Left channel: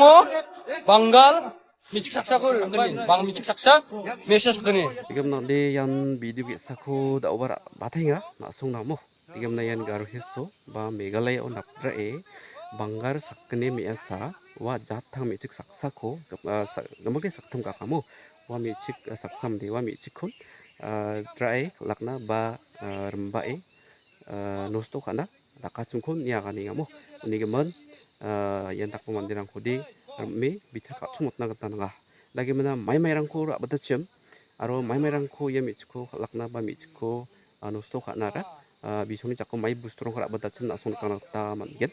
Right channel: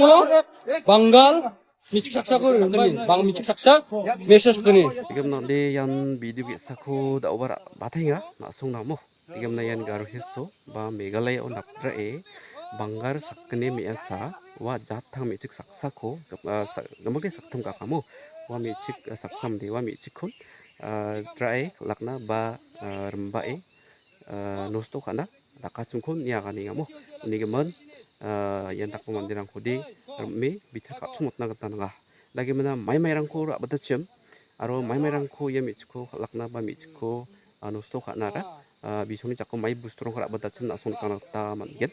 Songo, Bangal, Michik Saksa ko Bang Michik Saksa, Mesa Sakani. Tigam na de yan video biasa ko da over batenga na song namo. Tigam na yan garo hiso ba Meghalaya on napra Bangar sakne measa wa jathang Michik Saksa ko gamage saktham ka kamo wa Michik Saksam de wa Michik kun try lakna ba remba nosto kana dakachum kun nia kani ngamo unigaman yan takpo mandirang kodi me bicha kachumot na gata nga lagi mana mai rangko ra batachem aro mai rangko ya michko lakna ba michko nosto kana ra bisoni chakko mai bustrong ra batachem na son kana ta manget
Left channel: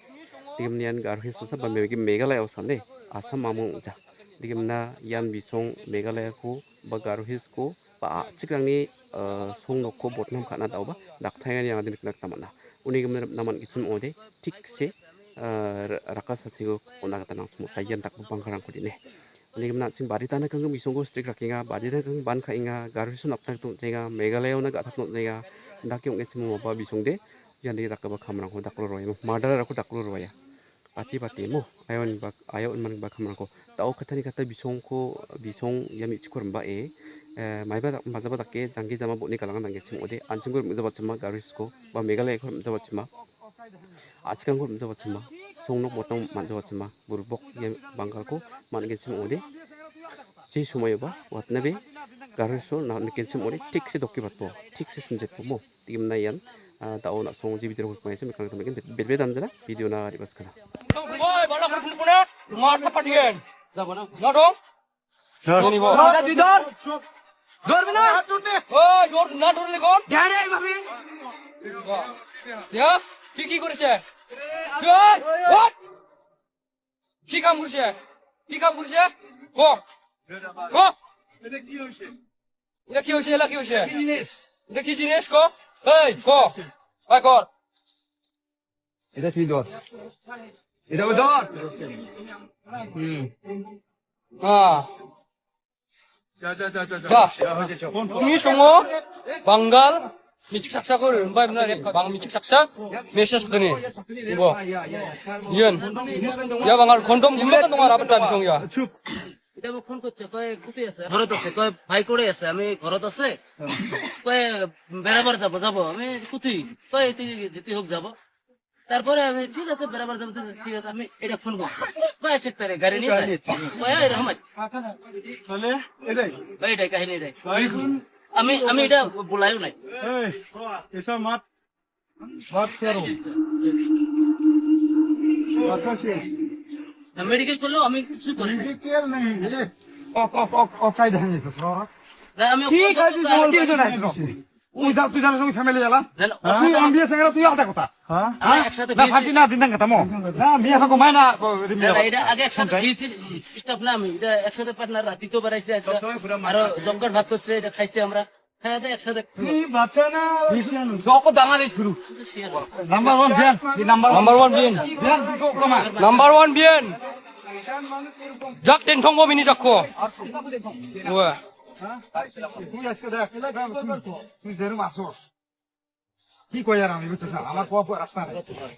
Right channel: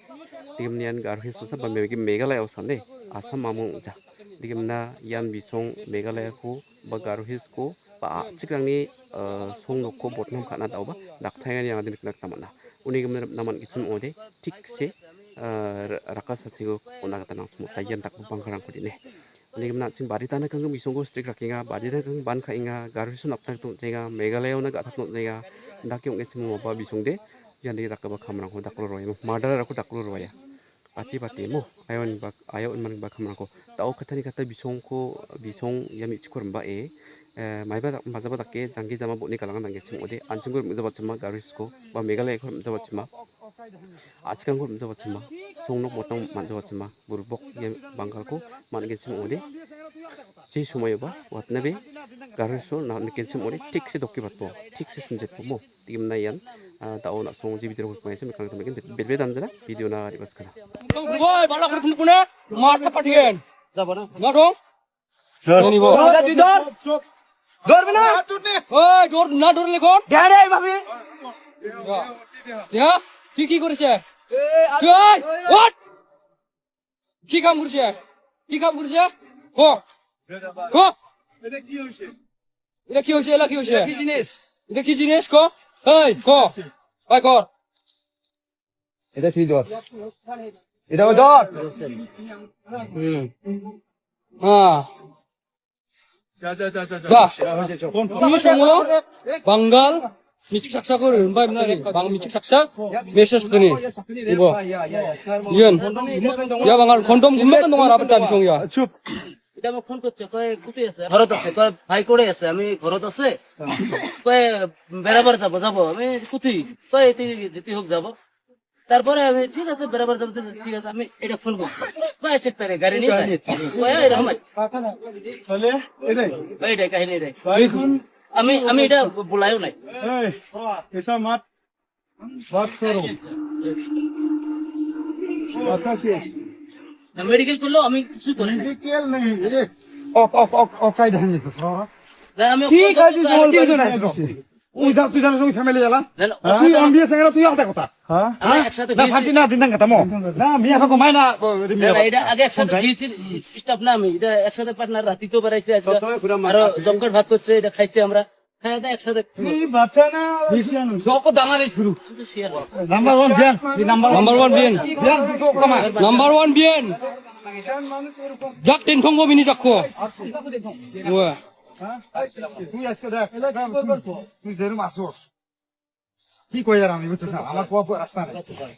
digam nian gar hisosa ba Meghalaya osane asam mamung ja digam na yan bisong Meghalaya ko ba gar hisko ba chikrangni song nokko botnam kana daw ba dakthaya yang adin nak tamana uni gam naman gichim ode tikse rakasatigo ona kata nang sumo tayan tak bangkarang ko dine uni gam na sing barita na kang misonggo strik rakinga barita kang ban khainga garusun aptak tu jenga Meghalaya na gathak no jenga dakyong gechim mo ba bisongde yan di takaba khamrang ko daklo roya madara ko daklo roya pati mo ayon man ba khamrang ko tao khathani kata bisong yami chikor ba 마이바 맞아봤게 장기 잡아 보니 가랑한 단계 지금 어디 안친걸 문제받지마 가르스고 뭐 Meghalaya 걸 문제받지마 아치간 걸 문제받지마 송록 보통 만져받지마 무르복 예 방갈고 많은 게 지금 어디 제 수모여봐 왔나베 가르소 나 느낀 지금 어디 틱스 도끼 받고 틱스 신제 보모 임나연 다오나 송지 비디오 볼 거예요. 미칸 담긴 베베 담잖아 비디오나 리버스카나 Woi, balak rukun-rukunnya, mata patian. Zabana. Nodong. Ini bo. Ada di dor. Dor bina. Woi, na dor lekor. Gade babi. Ya, কি করছে? তুই what? কি কাম করছে? ক এটা কি হইছে? এটা কি হইছে? এটা কি জিনিস ক? এই ক। ভাই কর। এটা কি দর? এটা ওই দর। 자, 이 송어, 방갈, 미칙 saksa ko rin ba bang michik saksa message ko ni ibo yan ya bangal kondom gumbakan 동안 아버지 비송이야 এটা মোক ফোন করছে কয় কুতি আছে ঘরত আছে কয় ভাই করে আছে আমি ঘরত আছে কয় বেরাবার যাব আমি কুতি কয় যেতে হোক যাব তারপরে আমি ঠিক আছে বেরাবার যাব ঠিক আছে আমি এটা ফোন করছি কয় সেক্টরে গাড়ি নিয়ে কয় এরকম তাহলে এটাই কাহিনী এটাই আমি এটা বলাইও নাই এই এসা মাত করো আচ্ছা শেষ মেডিকেল করলেও আমি কিছু করি না মেডিকেল নেই রে ও কাই ধানি তো আমি ঠিক আছে তুই জানিস ওই ফ্যামিলি গেলাম তুই আমি সঙ্গে তুই আলাদা কথা হ্যাঁ একসাথে না ফাটি না দিন কথা মো না মিয়া ফাকো মাইনা এটা আগে একসাথে বিসির স্টাফ না আমি এটা একসাথে পার্টনার রাতি তো বেড়াইছে আজকে আর জমকাট ভাত করছে এটা খাইছে আমরা খাওয়া দাওয়া একসাথে তুই বাচ্চা না যত দানা দিয়ে শুরু নাম্বার 1 বিয়ান নাম্বার 1 বিন বিয়ান তো কমা নাম্বার 1 বিন 작된 통고민이 잡고 뭐야 তুই আজকে দেখ তুই যেরকম আসোস কি কই আর আমি বুঝছিস না আমার কোয়া রাস্তা নেই